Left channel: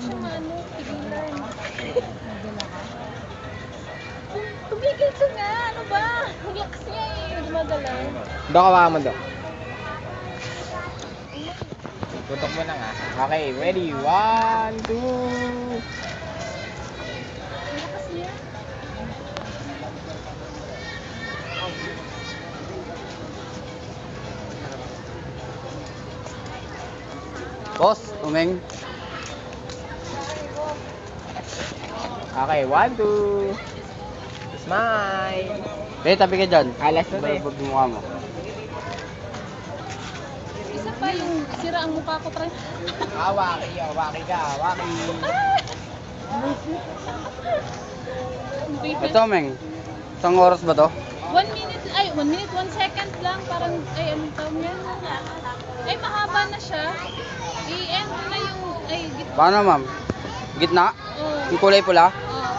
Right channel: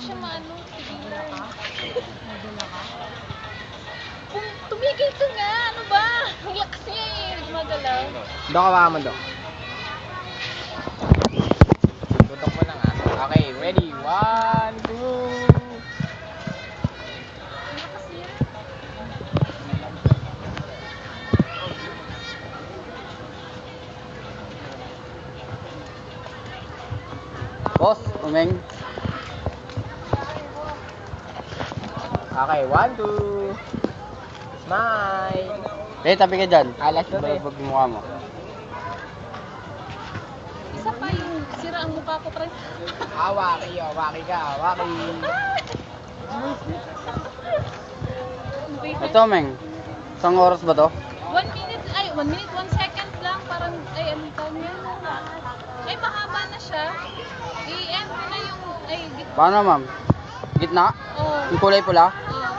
siya maano, tigilan. Tumigil ka nga, ano ba? Ang lakas niya eh, gumagalaw. Dok, hawakan mo, Dok. Tutok mo na nga. Okay, ready? 1, 2. Ang lakas niya. Boss, umeng. Okay, 1, 2. Smile. Eh, tabi ka dyan. Alex mo rin. Mukha mo. Isa pa yung sira ang mukha ko, pre. Hawaki, hawaki ka, hawaki. Ito, Meng. Isang oras ba to? 1 minute, 1 second lang. Parang, anong tawag niya? Ay, mahaba na siya. I-end mo na yung, gitna. Paano, ma'am? Gitna? Oh. Yung kulay pula? Oh.